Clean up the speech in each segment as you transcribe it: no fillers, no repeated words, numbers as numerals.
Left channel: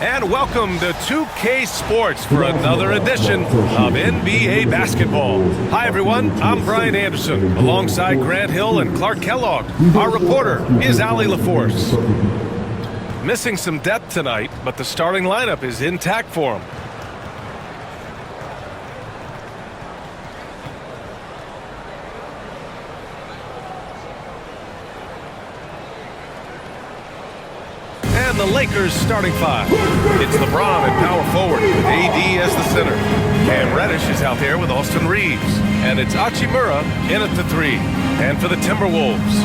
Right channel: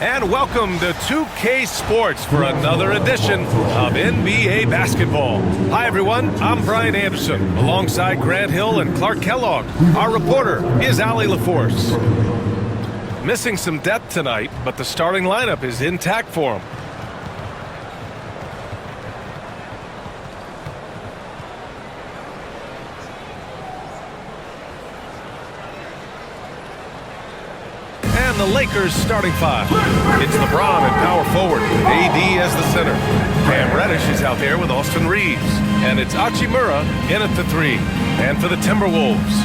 And welcome to 2K Sports for another edition of NBA basketball. Hi, everyone. I'm Brian Anderson, alongside Grant Hill and Clark Kellogg. Our reporter is Allie LaForce. Missing some depth tonight, but the starting lineup is intact for him. And the Lakers starting five. It's Lebron at power forward with AD as the center. Cam Reddish is out there with Austin Reeves. And it's Hachimura in at the three. And for the Timberwolves,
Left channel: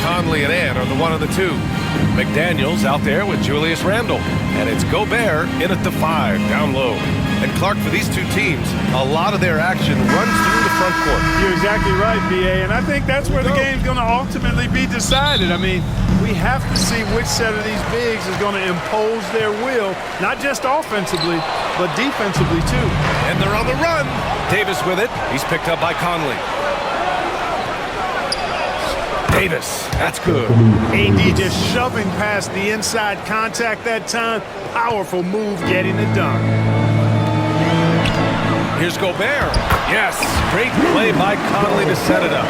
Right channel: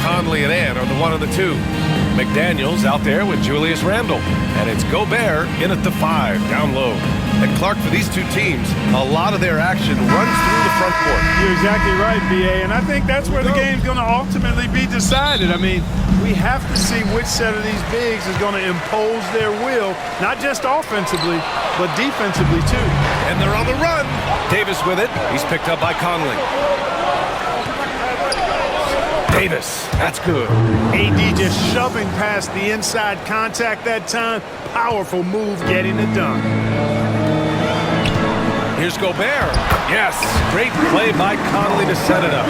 Conley and Ant are the one of the two. McDaniels out there with Julius Randle. And it's Gobert in at the five, down low. And Clark, for these two teams, a lot of their action runs through the front court. You're exactly right, B.A., and I think that's where the game's going to ultimately be decided. I mean, we have to see which set of these bigs is going to impose their will, not just offensively, but defensively, too. And they're on the run. Davis with it. He's picked up by Conley. Davis, that's good. AD just shoving past the inside contact that time. Powerful move getting it done. Here's Gobert. Yes, great play by Conley to set it up.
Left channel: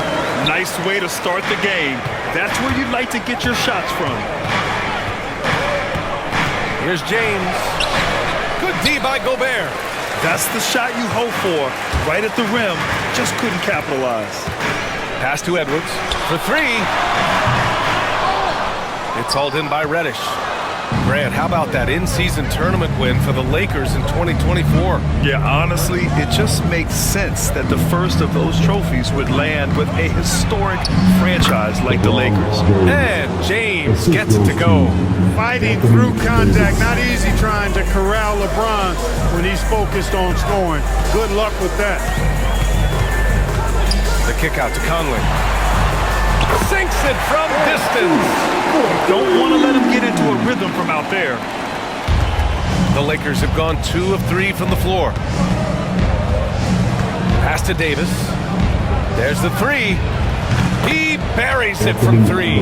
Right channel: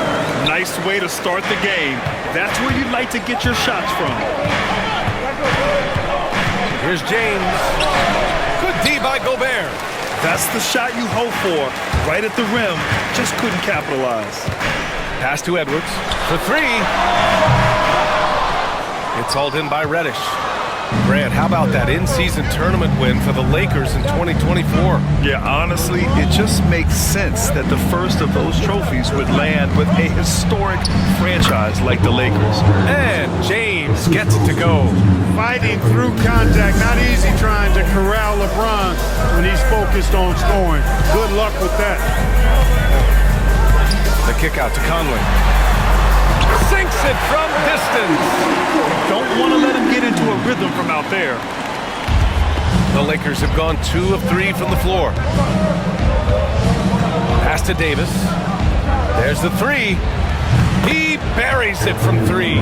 Nice way to start the game. That's where you'd like to get your shots from. Here's James. Good D by Gobert. That's the shot you hope for. Right at the rim. Just couldn't capitalize. Pass to Edwards for three. It's hauled in by Reddish. Grant, how about that in-season tournament win for the Lakers in 2024? Yeah, honestly, it just makes sense that the first of those trophies would land with a historic franchise like the Lakers. And James gets it to go. Fighting through contact, not easy trying to corral LeBron when he's focused on scoring. Good luck with that. The kick out to Conley. Sinks it from distance. Don't want to let him get into a rhythm from out there. The Lakers have gone 2 of 3 from the floor. Pass to Davis. There's the three. He buries it from 3.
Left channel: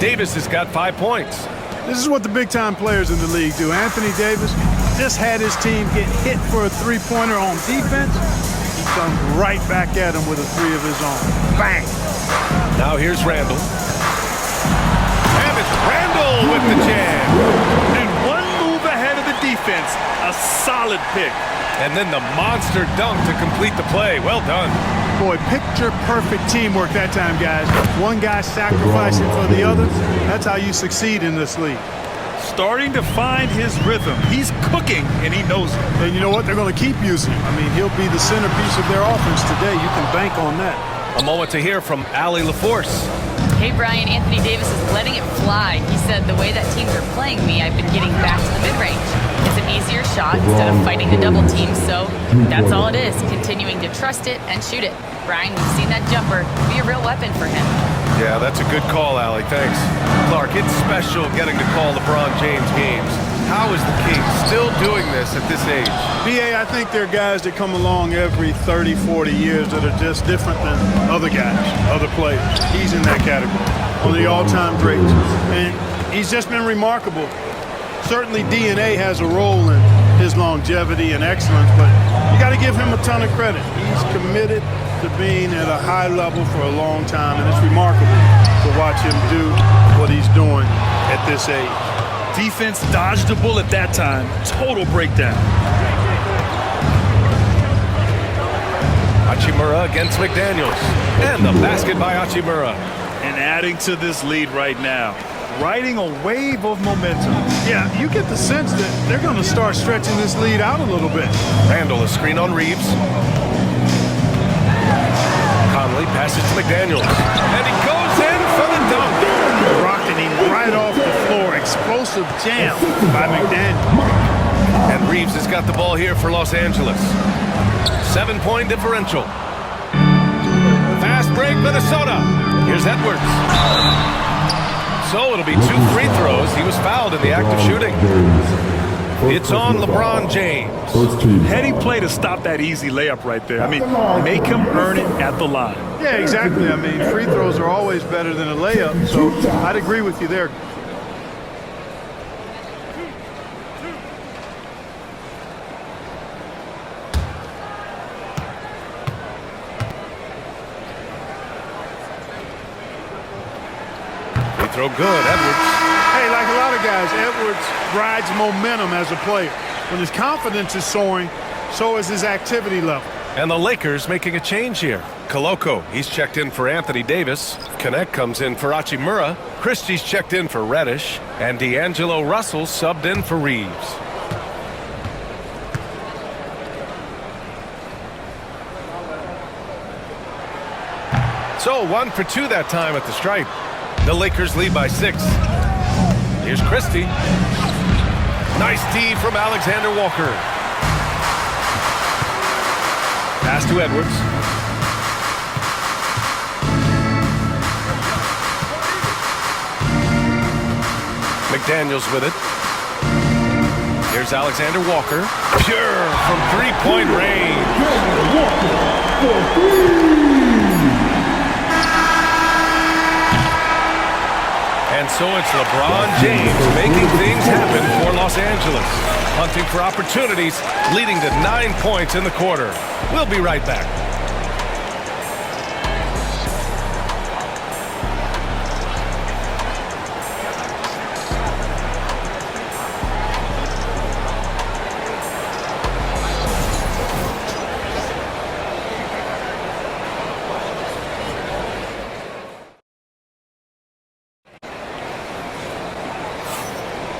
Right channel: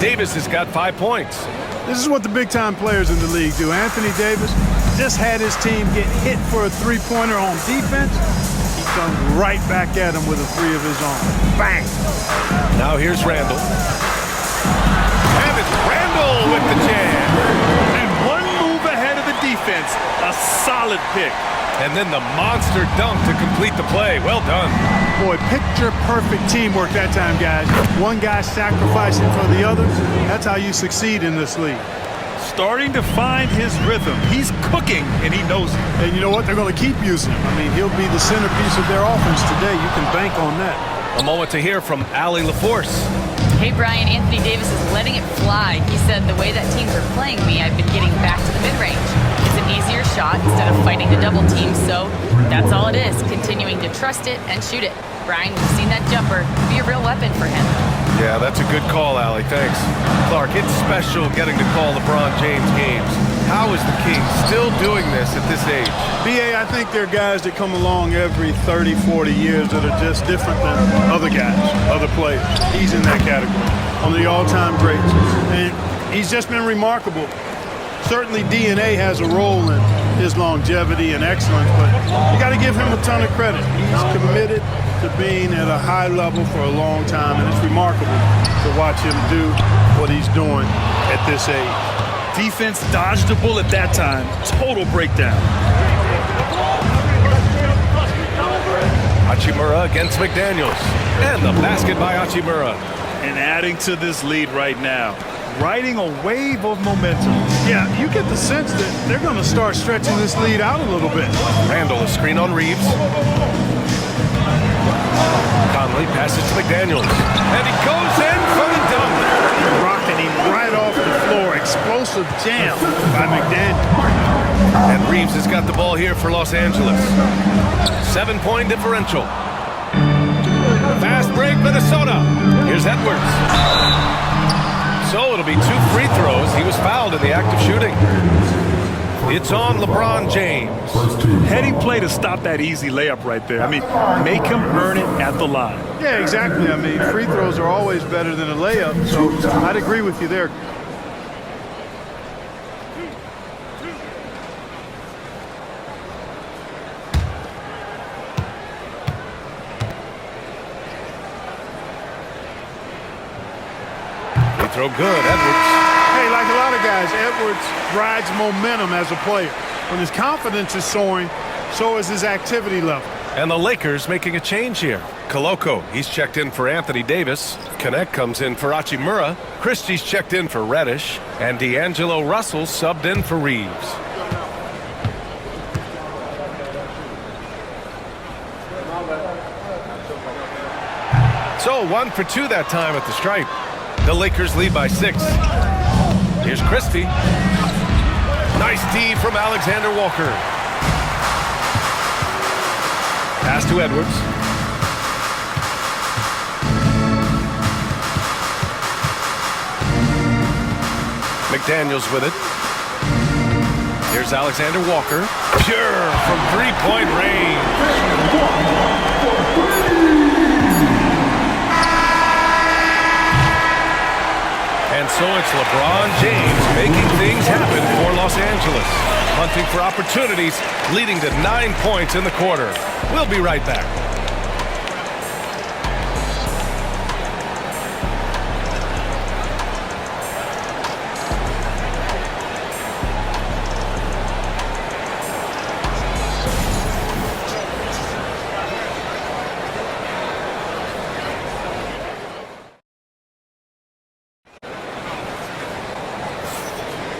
Davis has got 5 points. This is what the big-time players in the league do. Anthony Davis just had his team get hit for a three-pointer on defense. He comes right back at him with a three of his own. Bang! Now here's Randle. And it's Randle with the jam. And one move ahead of the defense. A solid pick. And then the monster dunk to complete the play. Well done. Boy, picture-perfect teamwork that time, guys. One guy sacrificing for the other. That's how you succeed in this league. Starting to find his rhythm. He's cooking, and he knows it. And you know what? They're going to keep using him. I mean, he'll be the centerpiece of their offense today. You can bank on that. A moment to hear from Allie LaForce. Hey, Brian, Anthony Davis is letting it fly. He said, the way that teams are playing me, I've been getting back to the mid-range. It's an easier shot instead of fighting the double team, so that's all it is, continuing to trust it and shoot it. Brian, we've seen that jumper be a real weapon for him. Yeah, that's a good call, Allie. Thanks. Clark, it's special getting to call LeBron James games. How is the King still doing this at this age? B.A., I think there are guys that come along every 30, 40 years that are just different than other guys, other players. He's in that category, one of the all-time greats. And he's just been remarkable. Certainly DNA has a role in his longevity and excellence, but you got to give him a ton of credit. He's committed to being at a high level for a long time, and it's remarkable to watch him do what he's doing at this age. Defense dodged a bullet that time. Total breakdown. Hachimura against McDaniels. And the basket by Hachimura. And adding to this lead right now. Riding a wave of momentum. Yeah, you get the sense that they're going to start stretching this lead out a little bit. Randle, a screen on Reeves. Conley passes to McDaniels. And he goes in for the dunk. Rocketing right off the floor. Explosive jam by McDaniels. And Reeves has got the ball here for Los Angeles. 7-point differential. Fast break, Minnesota. Here's Edwards. So it'll be 2 free throws. He was fouled in the act of shooting. It's on LeBron James. Heady play to stop that easy layup right there. I mean, make him earn it at the line. Yeah, exactly. I mean, free throws are always better than a layup, so I'd agree with you there. throw good, Edwards. Hey, like a lot of guys, Edwards rides momentum as a player. When his confidence is soaring, so is his activity level. And the Lakers making a change here. Koloko, he's checked in for Anthony Davis. Connect comes in for Hachimura. Christie's checked in for Reddish. And D'Angelo Russell subbed in for Reeves. So 1 for 2 that time at the stripe. The Lakers lead by 6. Here's Christie. Nice D from Alexander Walker. Pass to Edwards. McDaniels with it. Here's Alexander Walker. Pure from three-point range. And so it's LeBron James making things happen for Los Angeles. Hunting for opportunities, leading to 9 points in the quarter. We'll be right back.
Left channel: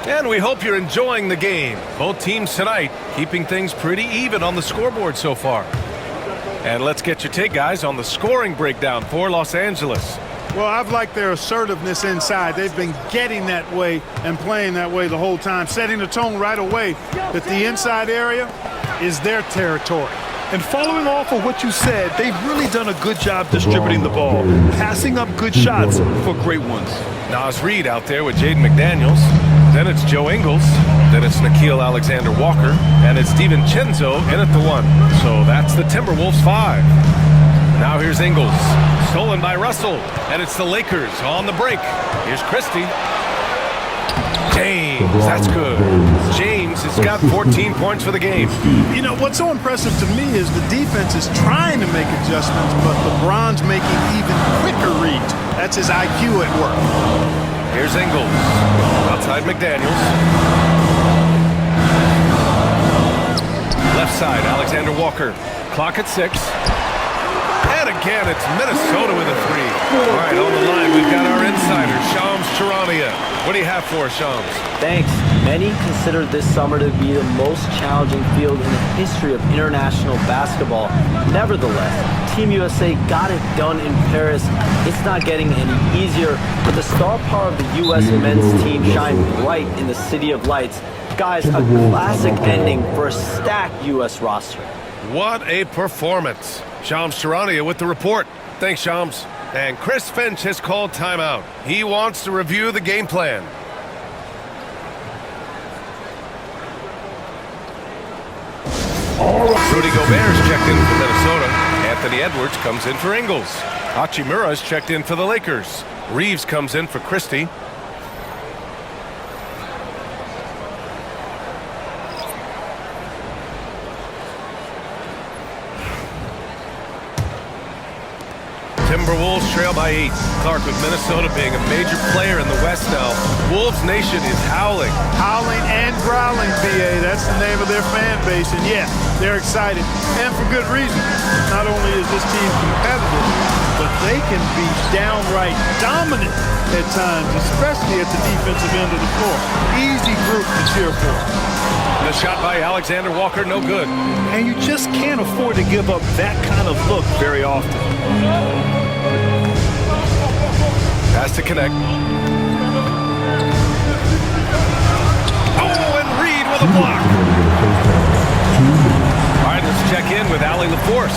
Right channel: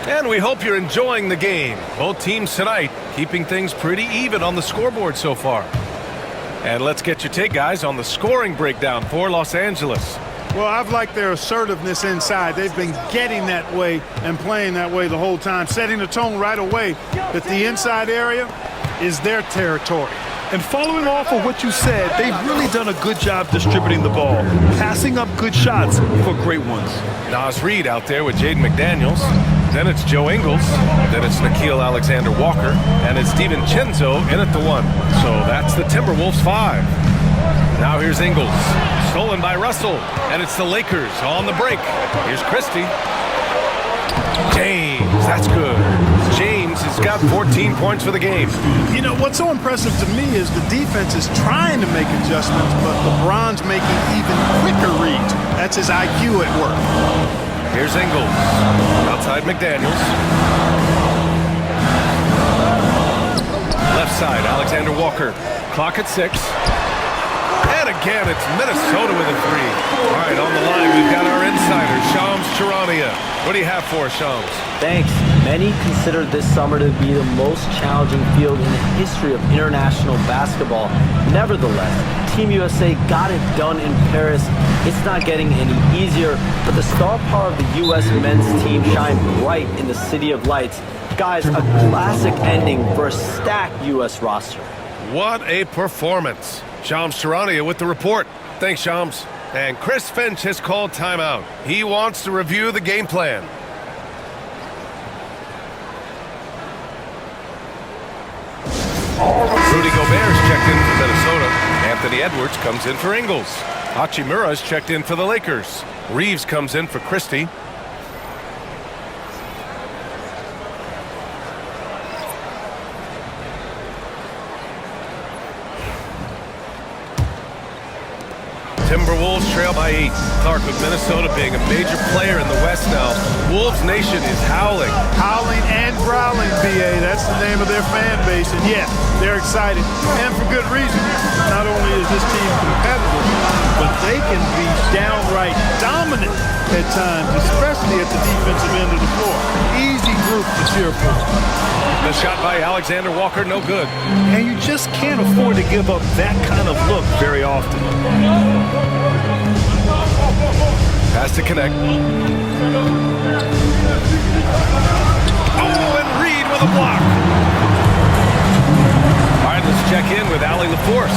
And we hope you're enjoying the game. Both teams tonight keeping things pretty even on the scoreboard so far. And let's get your take, guys, on the scoring breakdown for Los Angeles. Well, I've liked their assertiveness inside. They've been getting that way and playing that way the whole time, setting the tone right away that the inside area is their territory. And following off of what you said, they've really done a good job distributing the ball, passing up good shots for great ones. Naz Reid out there with Jaden McDaniels. Then it's Joe Ingles. Then it's Nickeil Alexander-Walker. And it's DiVincenzo in at the 1. So that's the Timberwolves 5. Now here's Ingles. Stolen by Russell. And it's the Lakers on the break. Here's Christie. James, that's good. James has got 14 points for the game. You know, what's so impressive to me is the defense is trying to make adjustments, but LeBron's making even quicker reads. That's his IQ at work. Here's Ingles. Outside McDaniels. Left side, Alexander Walker. Clock at 6. And again, it's Minnesota with a 3. All right, on the line, we've got our insider, Shams Charania. What do you have for us, Shams? Thanks. Many consider this summer to be the most challenging field in the history of international basketball. Nevertheless, Team USA got it done in Paris. It's not getting any easier, but the star power of the U.S. men's team shined bright in the City of Lights. Guys, a classic ending for a stacked U.S. roster. What a performance. Shams Charania with the report. Thanks, Shams. And Chris Finch has called timeout. He wants to review the game plan. Rudy Gobert's checked in for Minnesota. Anthony Edwards comes in for Ingles. Hachimura's checked in for the Lakers. Reeves comes in for Christie. Timberwolves trail by 8. Clark with Minnesota being a major player in the West now. Wolves Nation is howling. Howling and growling, BA. That's the name of their fan base. And yeah, they're excited. And for good reason. Not only is this team competitive, but they can be downright dominant at times, especially at the defensive end of the floor. Easy group to cheer for. The shot by Alexander Walker, no good. And you just can't afford to give up that kind of look very often. Pass to Connect. Oh, and Reed with a block. All right, let's check in with Allie LaForce.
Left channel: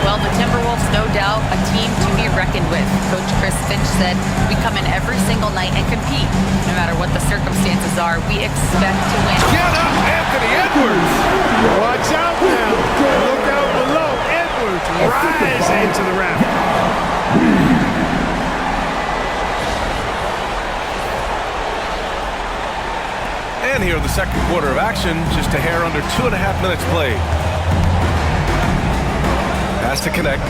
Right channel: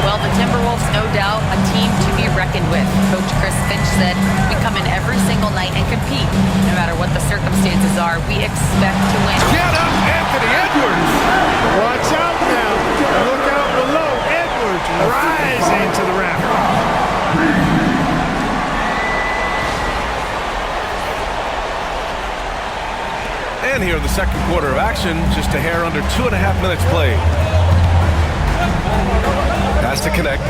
Well, the Timberwolves, no doubt, a team to be reckoned with. Coach Chris Finch said, we come in every single night and compete. No matter what the circumstances are, we expect to win. Get up, Anthony Edwards! Watch out now. Look out below. Edwards rising to the raft. And here in the second quarter of action, just a hair under 2.5 minutes played. Pass to Connect.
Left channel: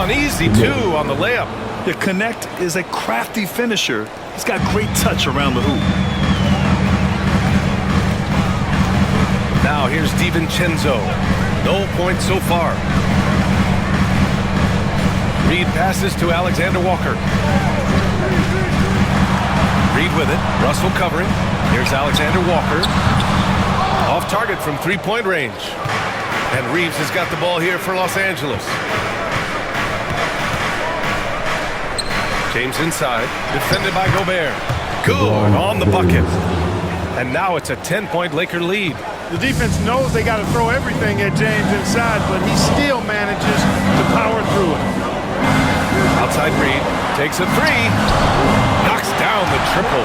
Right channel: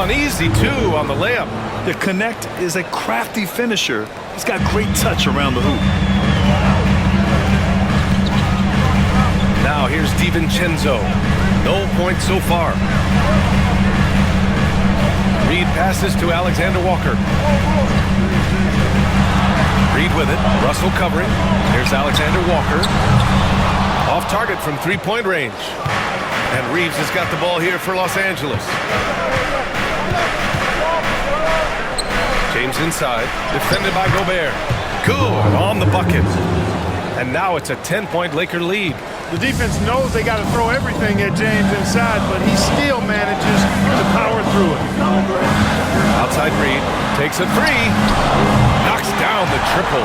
An easy two on the layup. The Connect is a crafty finisher. He's got great touch around the hoop. Now here's DiVincenzo. No points so far. Reed passes to Alexander Walker. Reed with it. Russell covering. Here's Alexander Walker. Off target from three-point range. And Reeves has got the ball here for Los Angeles. James inside. Defended by Gobert. Good on the bucket. And now it's a 10-point Laker lead. The defense knows they got to throw everything at James inside, but he still manages to power through it. Outside Reed. Takes a three. Knocks down the triple.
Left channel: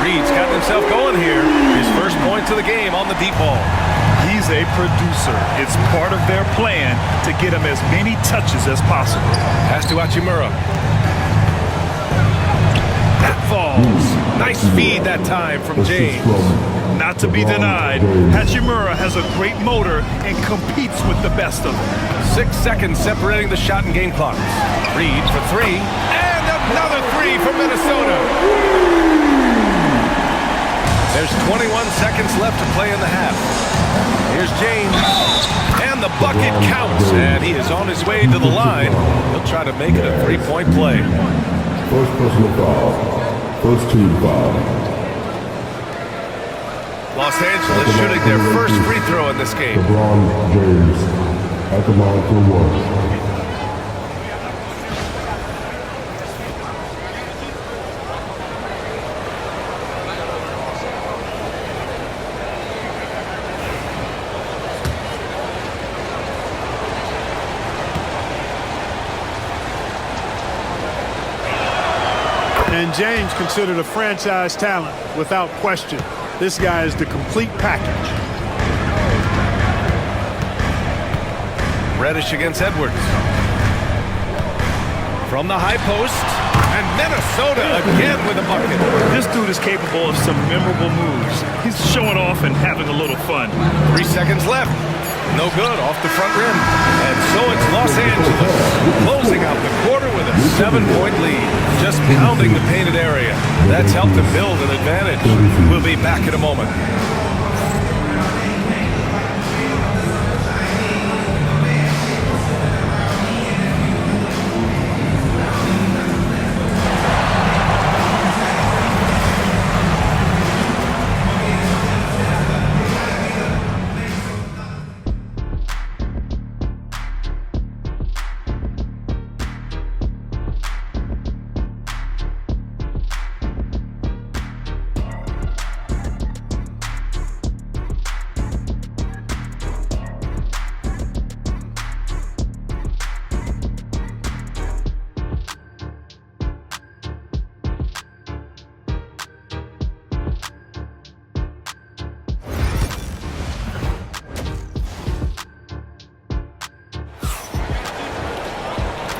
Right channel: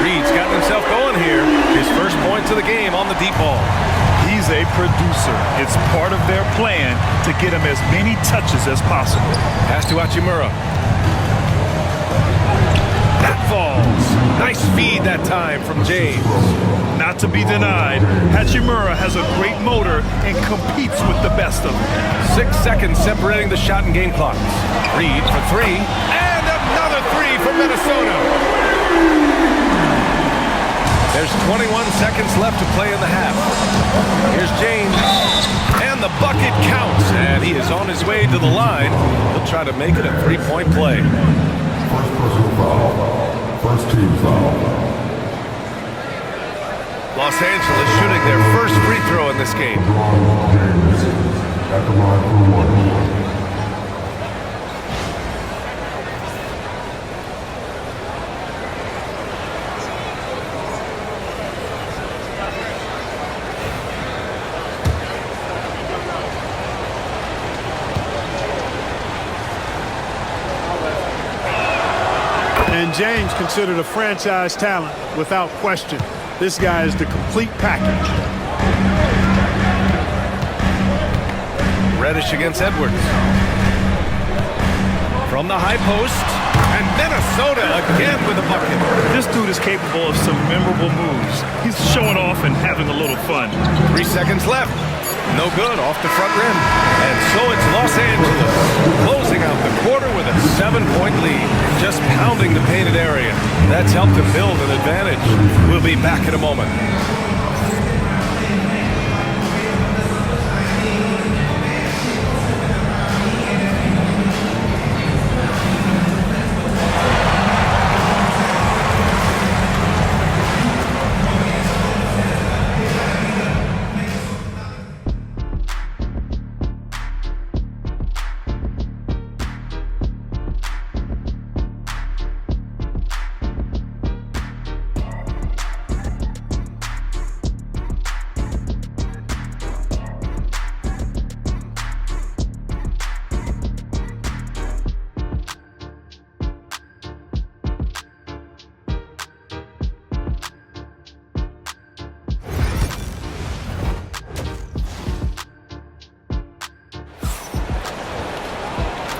Reed's gotten himself going here. His first points of the game on the deep ball. He's a producer. It's part of their plan to get him as many touches as possible. Pass to Hachimura. That falls. Nice feed that time from James. Not to be denied, Hachimura has a great motor and competes with the best of them. 6 seconds separating the shot and game clocks. Reed for three. And another three for Minnesota. There's 21 seconds left to play in the half. Here's James. And the bucket counts. And he is on his way to the line. He'll try to make it a three-point play. First personal foul. First team foul. Los Angeles shooting their first free throw in this game. Lebron James at the line for one. And James considered a franchise talent without question. This guy is the complete package. Reddish against Edwards. From the high post. And Minnesota again with a bucket. This dude is capable of some memorable moves. He's showing off and having a little fun. 3 seconds left. No good off the front rim. And so it's Los Angeles closing out the quarter with a 7-point lead. Just pounding the painted area. That's helped them build an advantage. We'll be back in a moment.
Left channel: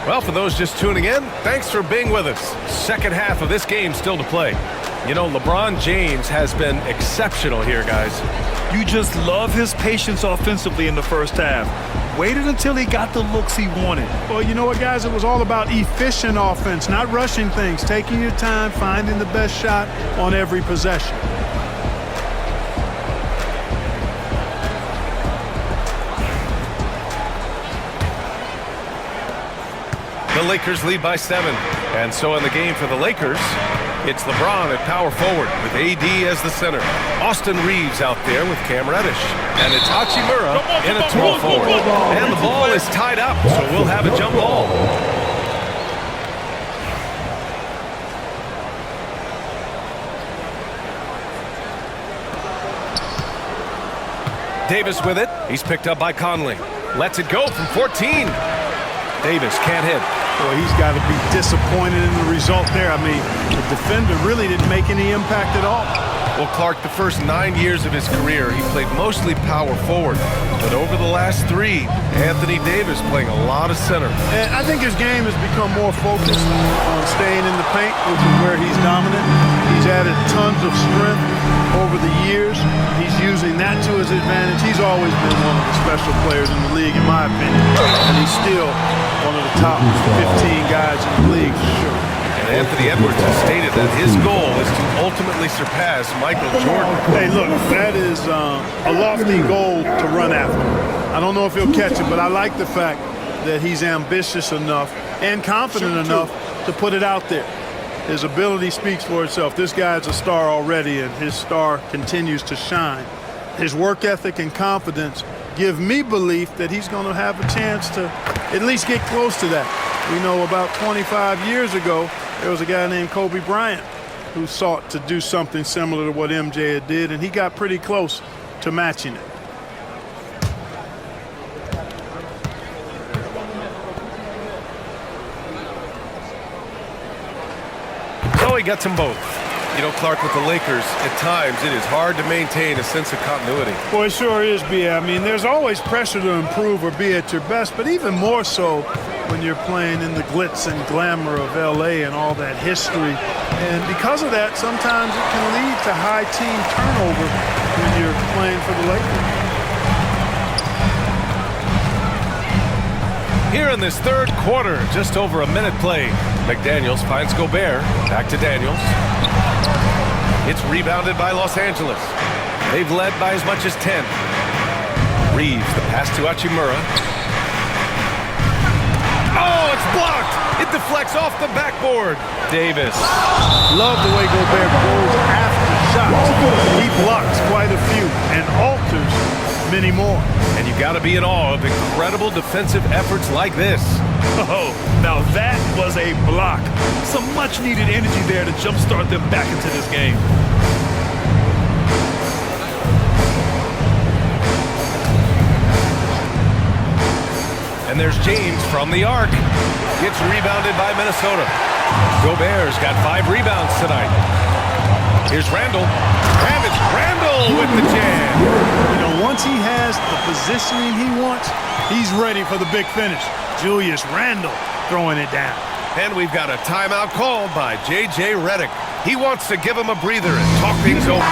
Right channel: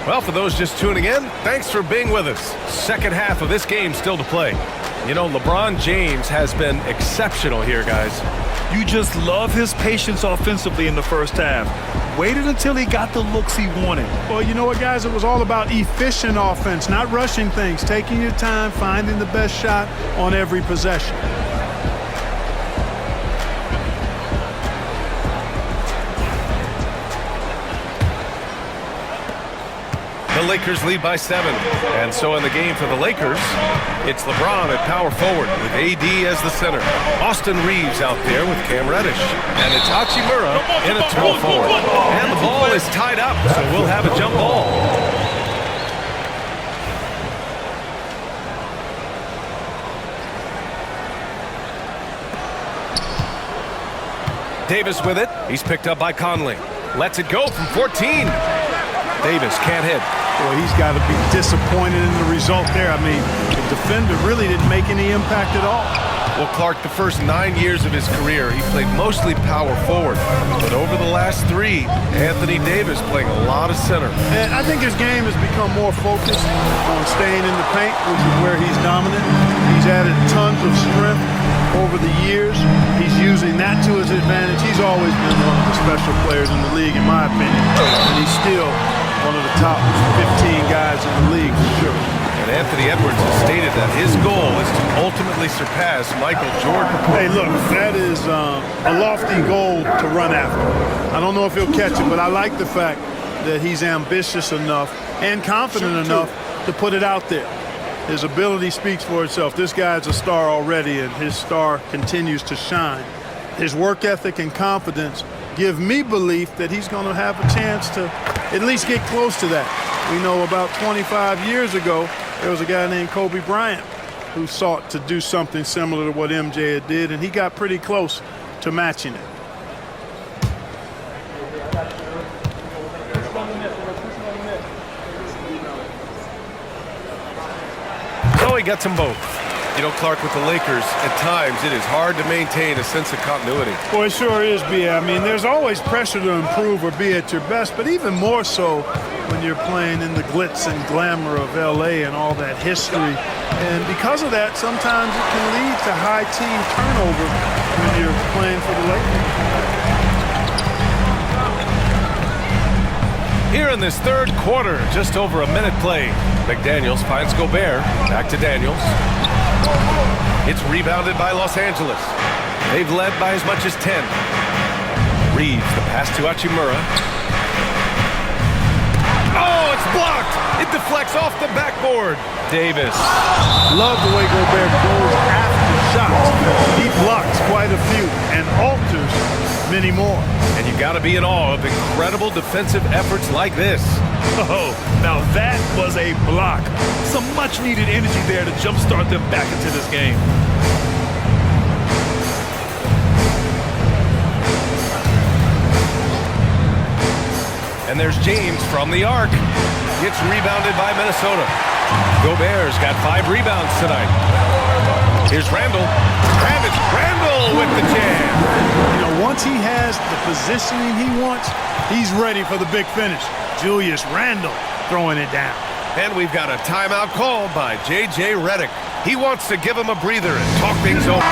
Well, for those just tuning in, thanks for being with us. Second half of this game still to play. You know, LeBron James has been exceptional here, guys. You just love his patience offensively in the first half. Waited until he got the looks he wanted. Well, you know what, guys? It was all about efficient offense, not rushing things, taking your time, finding the best shot on every possession. The Lakers lead by 7. And so in the game for the Lakers, it's LeBron at power forward with AD as the center. Austin Reeves out there with Cam Reddish. And it's Hachimura in at small forward. And the ball is tied up, so we'll have a jump ball. Davis with it. He's picked up by Conley. Lets it go from 14. Davis can't hit. Boy, he's got to be disappointed in the result there. I mean, the defender really didn't make any impact at all. Well, Clark, the first 9 years of his career, he played mostly power forward. But over the last 3, Anthony Davis playing a lot of center. And I think his game has become more focused on staying in the paint, which is where he's dominant. He's added tons of strength over the years. He's using that to his advantage. He's always been one of the special players in the league, in my opinion. And he's still one of the top 15 guys in the league for sure. And Anthony Edwards has stated that his goal is to ultimately surpass Michael Jordan. Hey, look, that is a lofty goal to run after. I don't know if he'll catch it, but I like the fact that he's ambitious enough and confident enough to put it out there. His ability speaks for itself. This guy's a star already, and his star continues to shine. His work ethic and confidence give me belief that he's going to have a chance to at least get close to that. We know about 25 years ago, there was a guy named Kobe Bryant who sought to do something similar to what MJ did, and he got pretty close to matching it. So he gets them both. You know, Clark, with the Lakers, at times it is hard to maintain a sense of continuity. Boy, it sure is, B.A. I mean, there's always pressure to improve or be at your best, but even more so when you're playing in the glitz and glamour of L.A. and all that history. And because of that, sometimes it can lead to high team turnover when you're playing for the Lakers. Here in this third quarter, just over a minute played. McDaniels finds Gobert. Back to Daniels. It's rebounded by Los Angeles. They've led by as much as 10. Reeves, the pass to Hachimura. Oh, it's blocked! It deflects off the backboard. Davis. Love the way Gobert goes after shots. He blocks quite a few and alters many more. And you got to be in awe of incredible defensive efforts like this. Oh, now that was a block. Some much-needed energy there to jumpstart them back into this game. And there's James from the arc. Gets rebounded by Minnesota. Gobert's got 5 rebounds tonight. Here's Randall. And it's Randall with the jam. You know, once he has the positioning he wants, he's ready for the big finish. Julius Randle throwing it down. And we've got a timeout called by J.J. Redick. He wants to give him a breather and talk things over.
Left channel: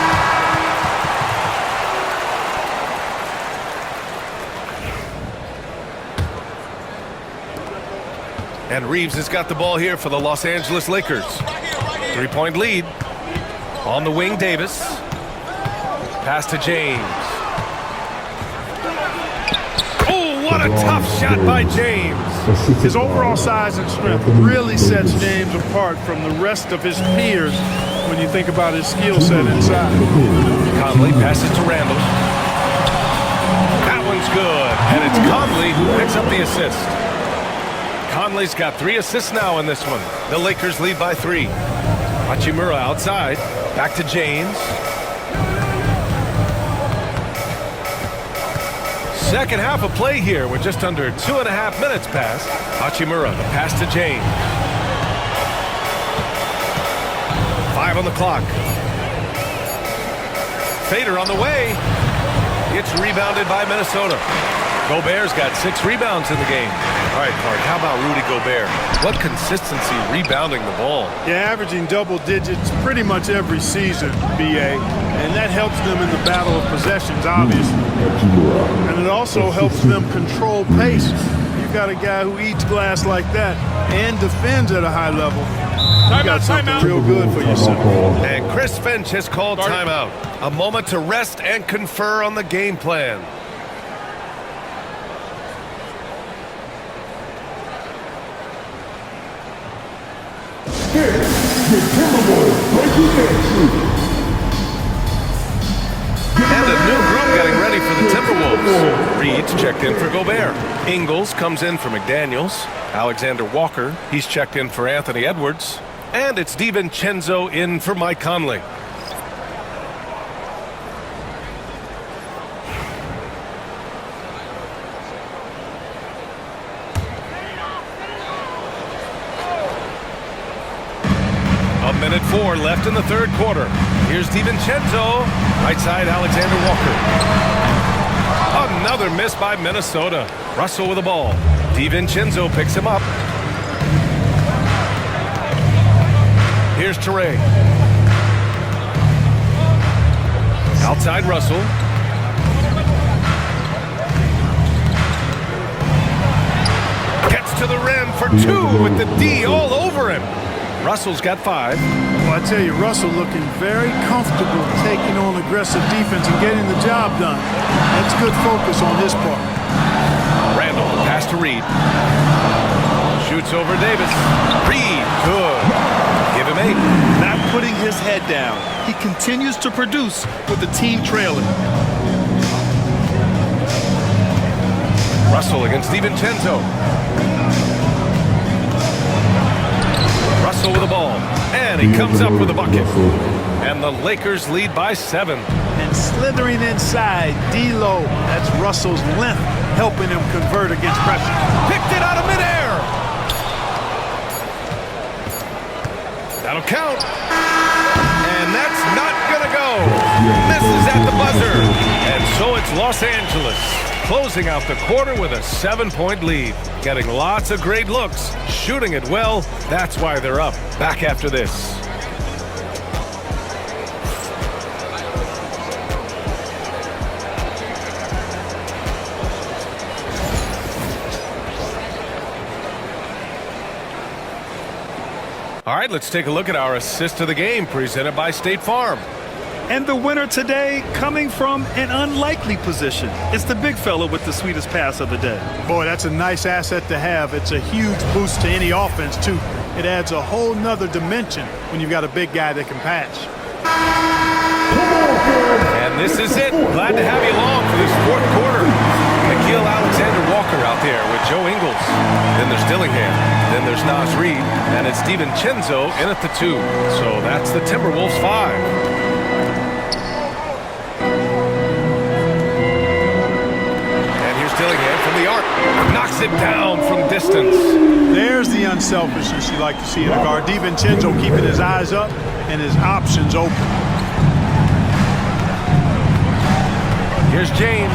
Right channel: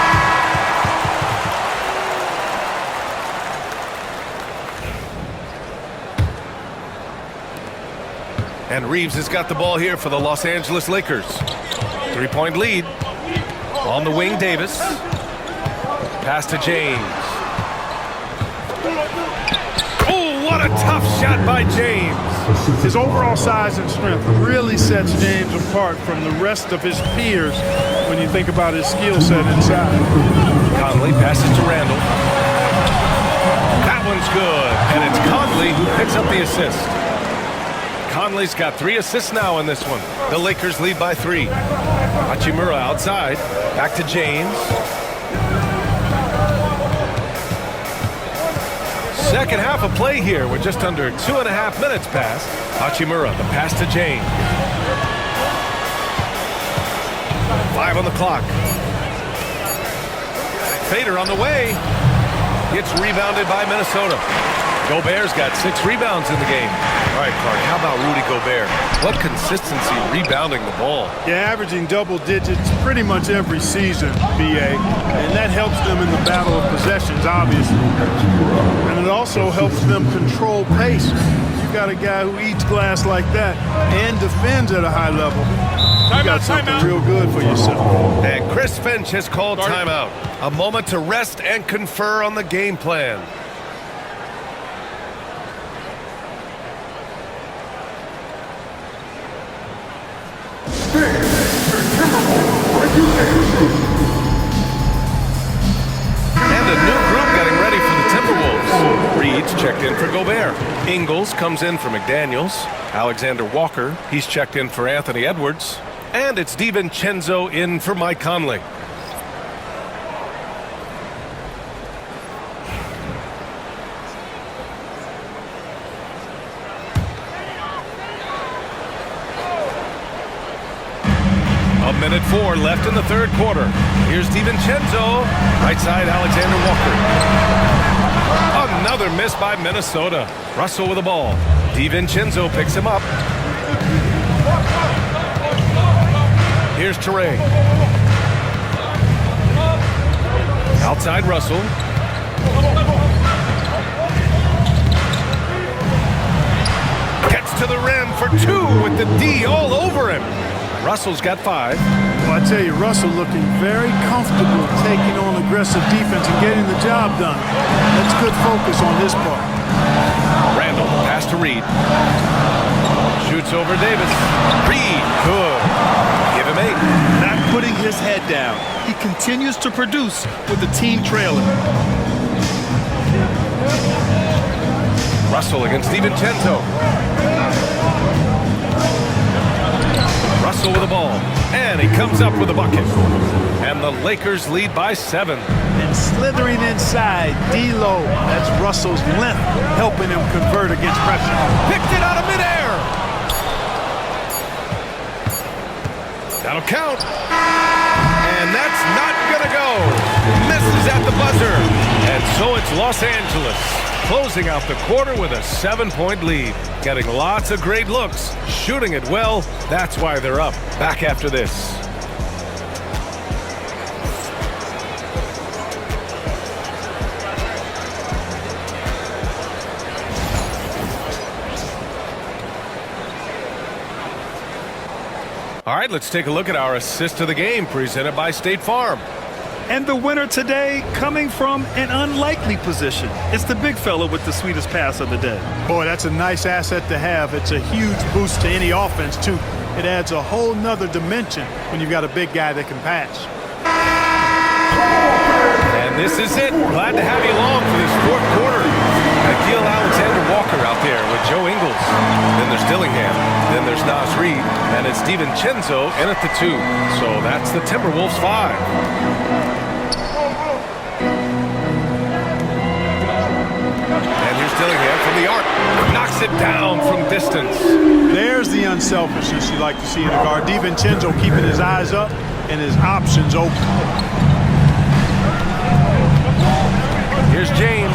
And Reeves has got the ball here for the Los Angeles Lakers. 3-point lead. On the wing, Davis. Pass to James. Oh, what a tough shot by James. His overall size and strength really sets James apart from the rest of his peers when you think about his skill set inside. Conley passes to Randall. That one's good. And it's Conley who picks up the assist. Conley's got 3 assists now in this one. The Lakers lead by 3. Hachimura outside. Back to James. Second half of play here with just under 2.5 minutes passed. Hachimura, the pass to James. 5 on the clock. Fader on the way. It's rebounded by Minnesota. Gobert's got 6 rebounds in the game. All right, Clark, how about Rudy Gobert? What consistency rebounding the ball. Yeah, averaging double digits pretty much every season, B.A., and that helps them in the battle of possessions, obviously. And it also helps them control pace. You've got a guy who eats glass like that and defends at a high level. You got something real good for yourself. And Chris Finch has called timeout. A moment to rest and confer on the game plan. And a new group getting ready for the Timberwolves. Reed's checked in for Gobert. Ingles comes in for McDaniels. Alexander Walker, he's checked in for Anthony Edwards. And it's DiVincenzo in for Mike Conley. A minute 4 left in the third quarter. Here's DiVincenzo. Right side, Alexander Walker. Another miss by Minnesota. Russell with the ball. DiVincenzo picks him up. Here's Teray. Outside Russell. Gets to the rim for two with the D all over him. Russell's got 5. Well, I tell you, Russell looking very comfortable taking on aggressive defense and getting the job done. That's good focus on his part. Randall, pass to Reed. Shoots over Davis. Reed, good. Give him 8. Not putting his head down. He continues to produce with the team trailing. Russell against DiVincenzo. Russell with the ball. And he comes up with a bucket. And the Lakers lead by 7. And slithering inside, D-Lo. That's Russell's length helping him convert against pressure. Picked it out of midair. That'll count. And that's not gonna go. Misses at the buzzer. And so it's Los Angeles closing out the quarter with a 7-point lead. Getting lots of great looks, shooting it well. That's why they're up. Back after this. All right, let's take a look at our assist of the game presented by State Farm. And the winner today coming from an unlikely position. It's the big fella with the sweetest pass of the day. Boy, that's a nice asset to have. It's a huge boost to any offense, too. It adds a whole nother dimension when you've got a big guy that can pass. And this is it. Glad to have you along for this fourth quarter. Nikhil Alexander-Walker out there with Joe Ingles. Then there's Dillingham. Then there's Naz Reid. And it's DiVincenzo in at the 2. So that's the Timberwolves 5. And here's Dillingham from the arc. Knocks it down from distance. There's the unselfishness you like to see in a guard. DiVincenzo keeping his eyes up and his options open. Here's James.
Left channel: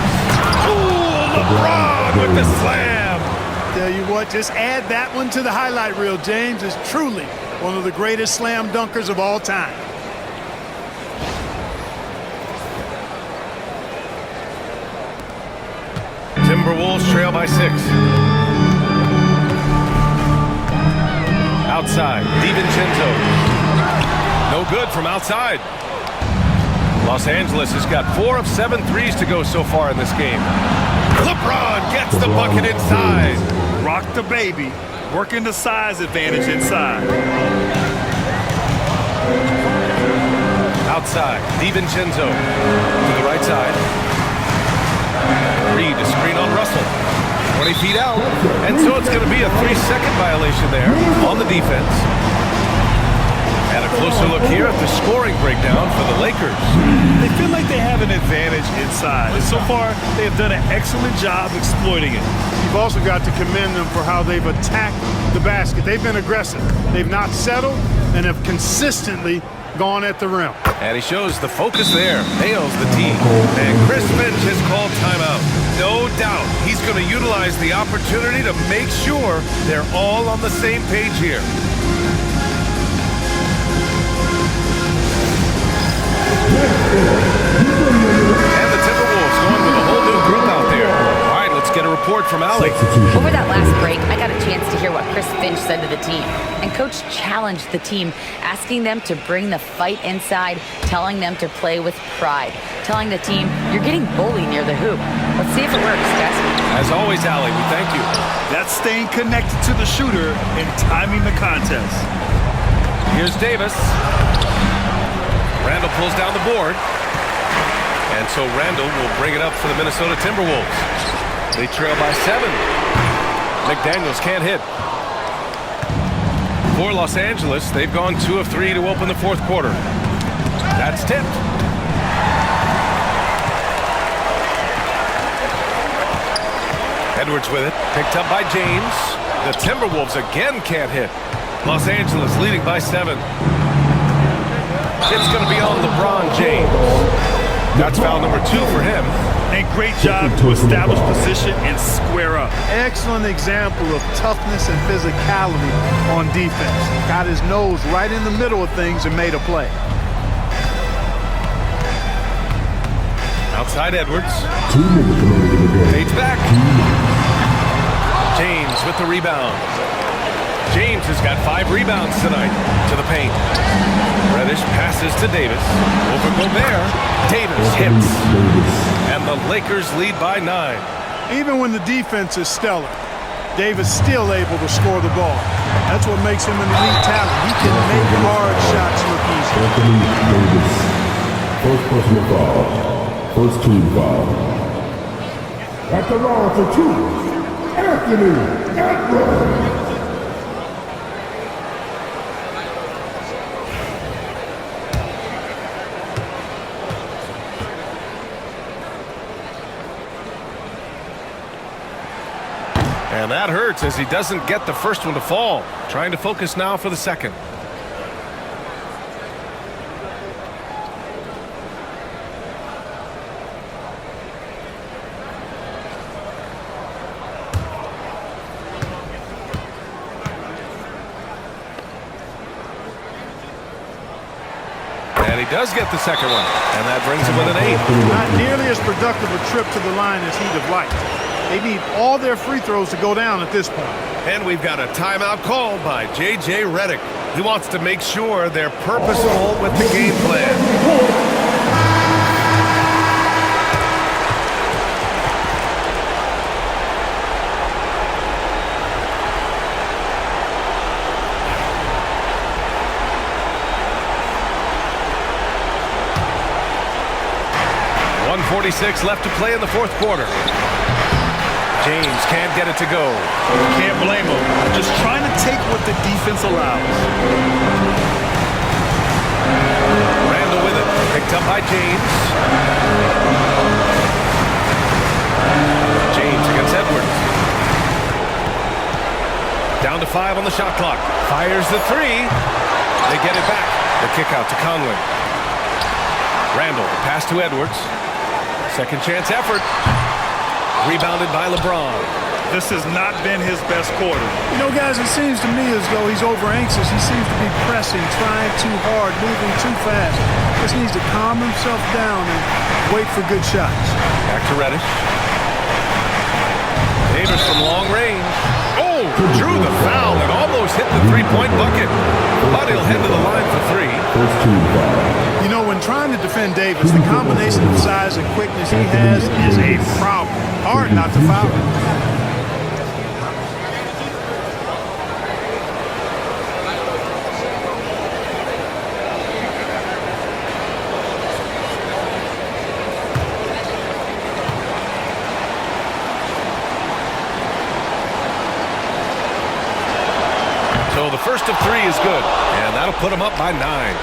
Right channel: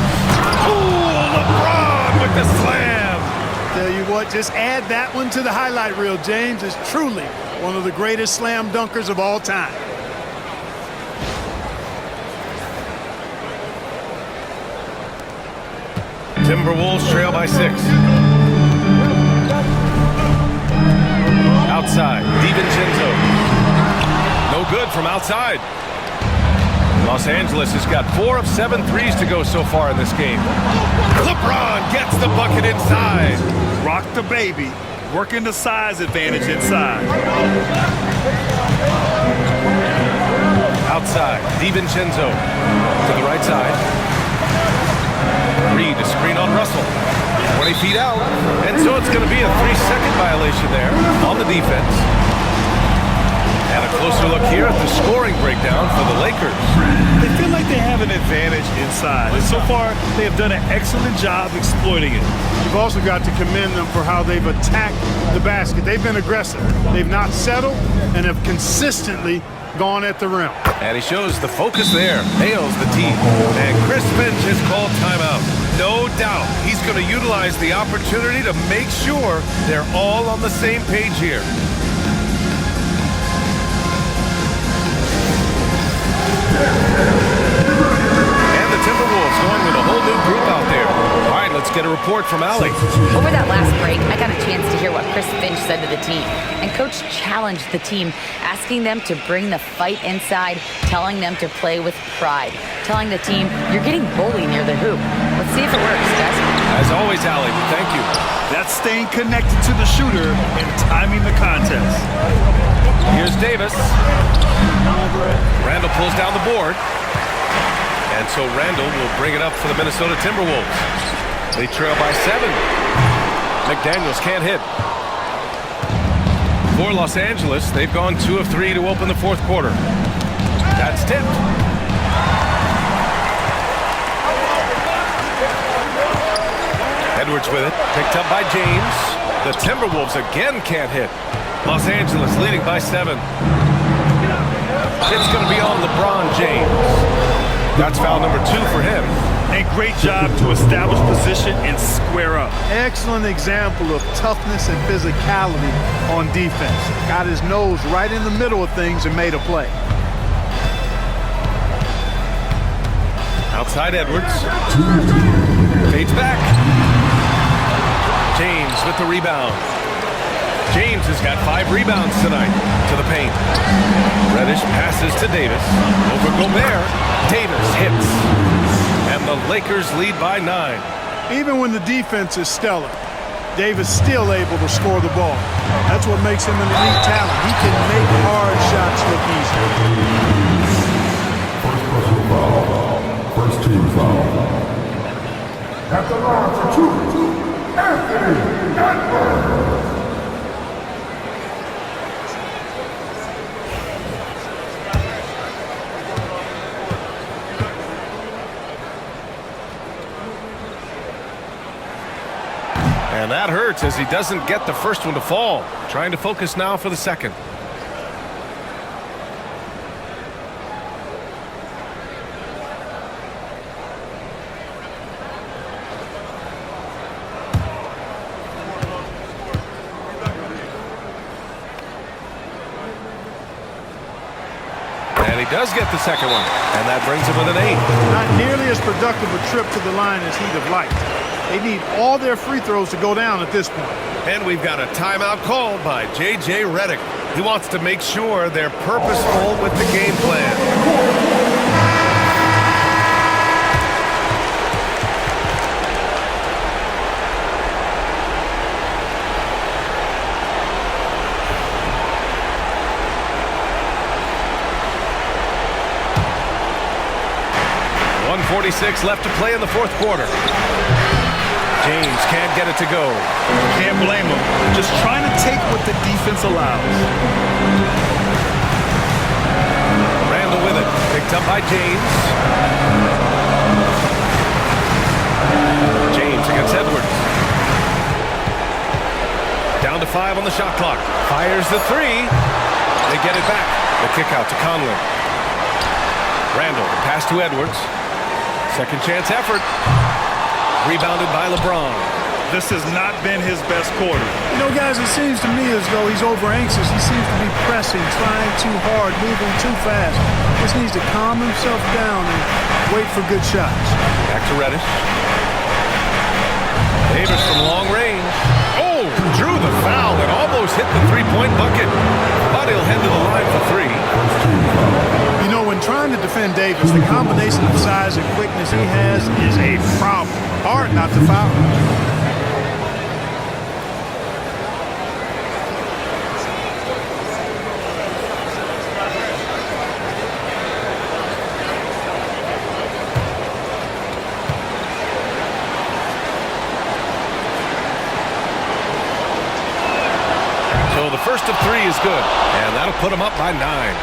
Ooh, LeBron with the slam. Tell you what, just add that one to the highlight reel. James is truly one of the greatest slam dunkers of all time. Timberwolves trail by 6. Outside, DiVincenzo. No good from outside. Los Angeles has got 4 of 7 threes to go so far in this game. LeBron gets the bucket inside. Rock the baby, working the size advantage inside. Outside, DiVincenzo to the right side. Reed to screen on Russell. 20 feet out. And so it's going to be a 3-second violation there on the defense. And a closer look here at the scoring breakdown for the Lakers. They feel like they have an advantage inside. And so far, they have done an excellent job exploiting it. You've also got to commend them for how they've attacked the basket. They've been aggressive. They've not settled and have consistently gone at the rim. And he shows the focus there. Nails the tee. And Chris Finch has called timeout. No doubt he's going to utilize the opportunity to make sure they're all on the same page here. And the Timberwolves going with a whole new group out there. All right, let's get a report from Allie. Over that last break, I got a chance to hear what Chris Finch said to the team. And Coach challenged the team, asking them to bring the fight inside, telling them to play with pride, telling the team, you're getting bullied near the hoop. Let's see if it works, guys. As always, Allie, we thank you. That's staying connected to the shooter and timing the contest. Here's Davis. Randall pulls down the board. And so Randall will bring it up for the Minnesota Timberwolves. They trail by 7. McDaniels can't hit. For Los Angeles, they've gone 2 of 3 to open the fourth quarter. That's tipped. Edwards with it, picked up by James. The Timberwolves again can't hit. Los Angeles leading by 7. It's going to be on LeBron James. That's foul number 2 for him. And great job to establish position and square up. Excellent example of toughness and physicality on defense. Got his nose right in the middle of things and made a play. Outside Edwards. Fades back. James with the rebound. James has got 5 rebounds tonight. To the paint. Reddish passes to Davis. Over Gobert. Davis hits. And the Lakers lead by 9. Even when the defense is stellar, Davis still able to score the ball. That's what makes him an elite talent. He can make hard shots look easy. Anthony Davis. First personal foul. First team foul. At the line for 2, Anthony Edwards. And that hurts as he doesn't get the first one to fall. Trying to focus now for the second. And he does get the second one. And that brings him with an 8. Not nearly as productive a trip to the line as he'd have liked. They need all their free throws to go down at this point. And we've got a timeout called by J.J. Redick. He wants to make sure they're purposeful with the game plan. 1:46 left to play in the fourth quarter. James can't get it to go. Can't blame him. Just trying to take what the defense allows. Randall with it. Picked up by James. James against Edwards. Down to 5 on the shot clock. Fires the 3. They get it back. The kick out to Conley. Randall, the pass to Edwards. Second chance effort. Rebounded by Lebron. This has not been his best quarter. You know, guys, it seems to me as though he's over anxious. He seems to be pressing, trying too hard, moving too fast. Just needs to calm himself down and wait for good shots. Back to Reddish. Davis from long range. Oh, drew the foul and almost hit the three-point bucket. But he'll head to the line for 3. First team foul. You know, when trying to defend Davis, the combination of size and quickness he has is a problem. Hard not to foul him. So the first of 3 is good, and that'll put him up by 9.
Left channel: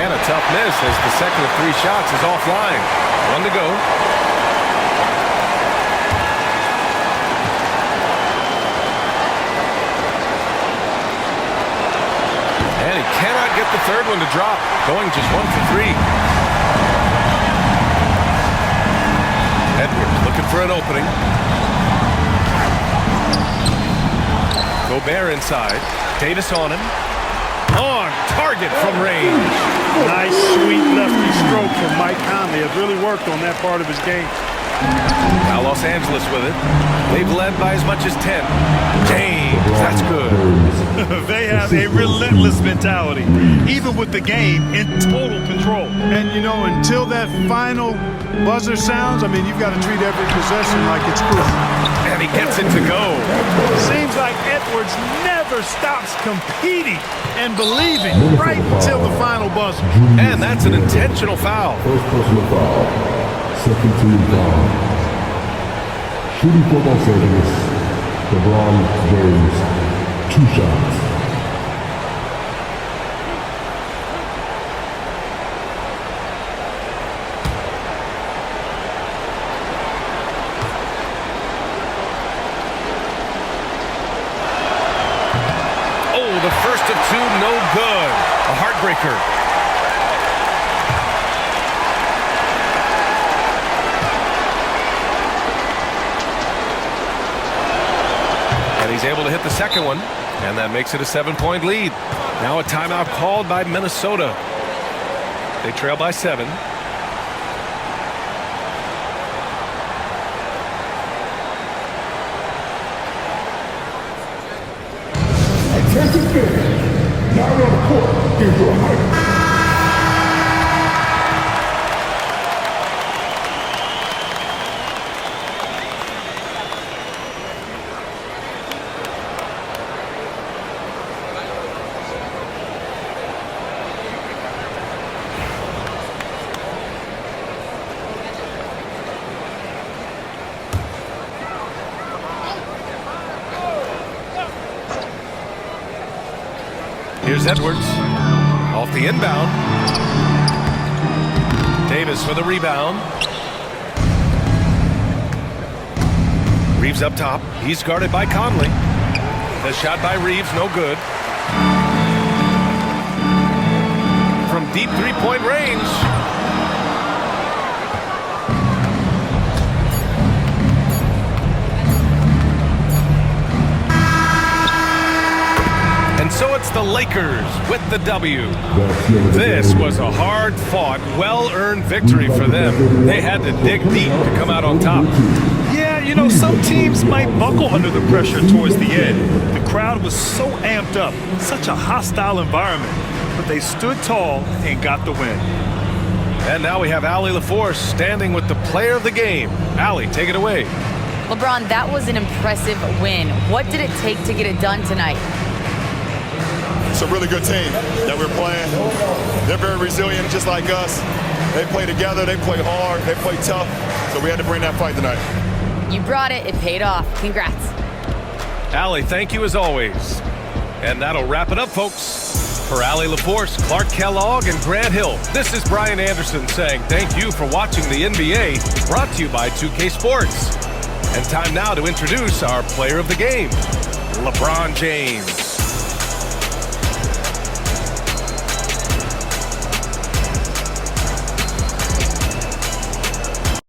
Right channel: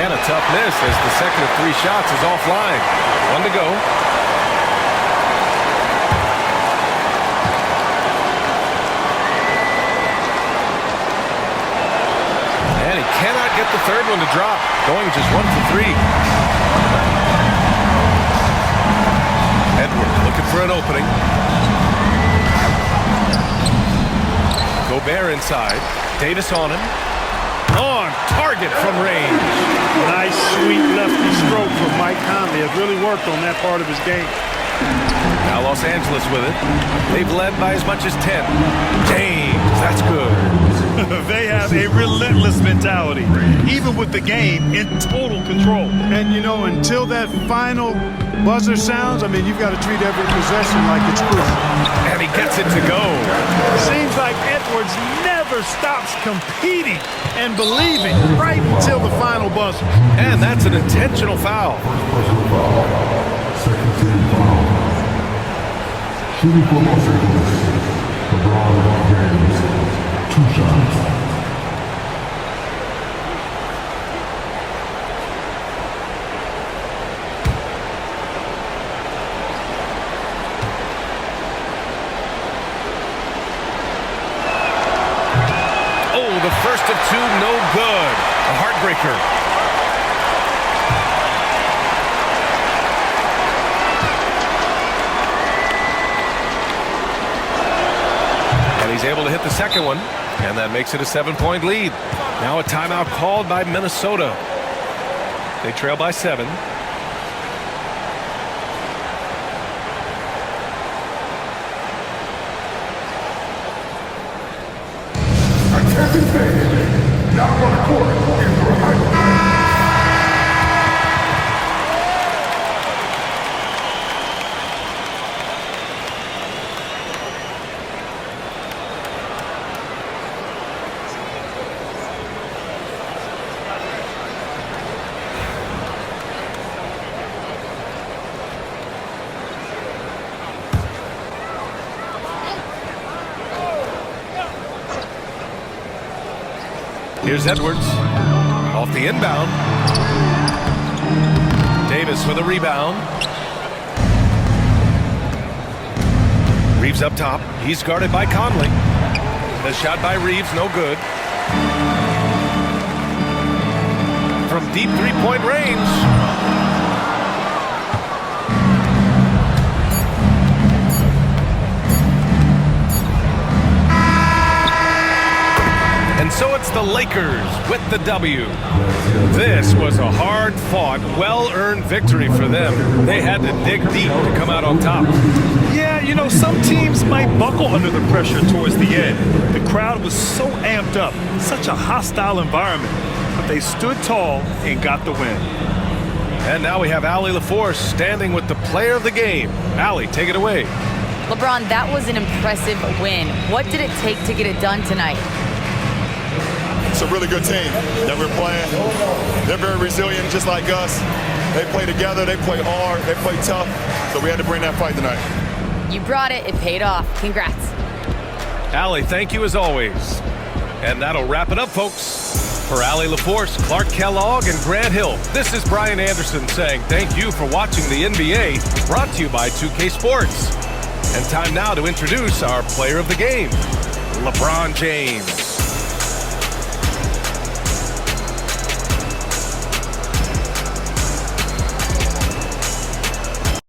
And a tough miss as the second of 3 shots is offline. 1 to go. And he cannot get the third one to drop. Going just 1 for 3. Edwards looking for an opening. Gobert inside. Davis on him. On target from range. Nice, sweet lefty stroke from Mike Conley. Has really worked on that part of his game. Now Los Angeles with it. They've led by as much as 10. James, that's good. They have a relentless mentality, even with the game in total control. And, you know, until that final buzzer sounds, I mean, you've got to treat every possession like it's crucial. And he gets it to go. Seems like Edwards never stops competing and believing right until the final buzzer. And that's an intentional foul. First personal foul. Second team foul. Shooting for Los Angeles, LeBron James, 2 shots. Oh, the first of 2, no good. A heartbreaker. And he's able to hit the second one, and that makes it a 7-point lead. Now a timeout called by Minnesota. They trail by 7. Attention fans, now on the court is your height. Here's Edwards off the inbound. Davis with a rebound. Reeves up top. He's guarded by Conley. The shot by Reeves, no good. From deep three-point range. And so it's the Lakers with the W. This was a hard-fought, well-earned victory for them. They had to dig deep to come out on top. Yeah, you know, some teams might buckle under the pressure towards the end. The crowd was so amped up, such a hostile environment. But they stood tall and got the win. And now we have Allie LaForce standing with the player of the game. Allie, take it away. LeBron, that was an impressive win. What did it take to get it done tonight? It's a really good team that we're playing. They're very resilient, just like us. They play together, they play hard, they play tough. So we had to bring that fight tonight. You brought it. It paid off. Congrats. Allie, thank you as always. And that'll wrap it up, folks. For Allie LaForce, Clark Kellogg, and Grant Hill, this is Brian Anderson saying thank you for watching the NBA, brought to you by 2K Sports. And time now to introduce our player of the game, LeBron James.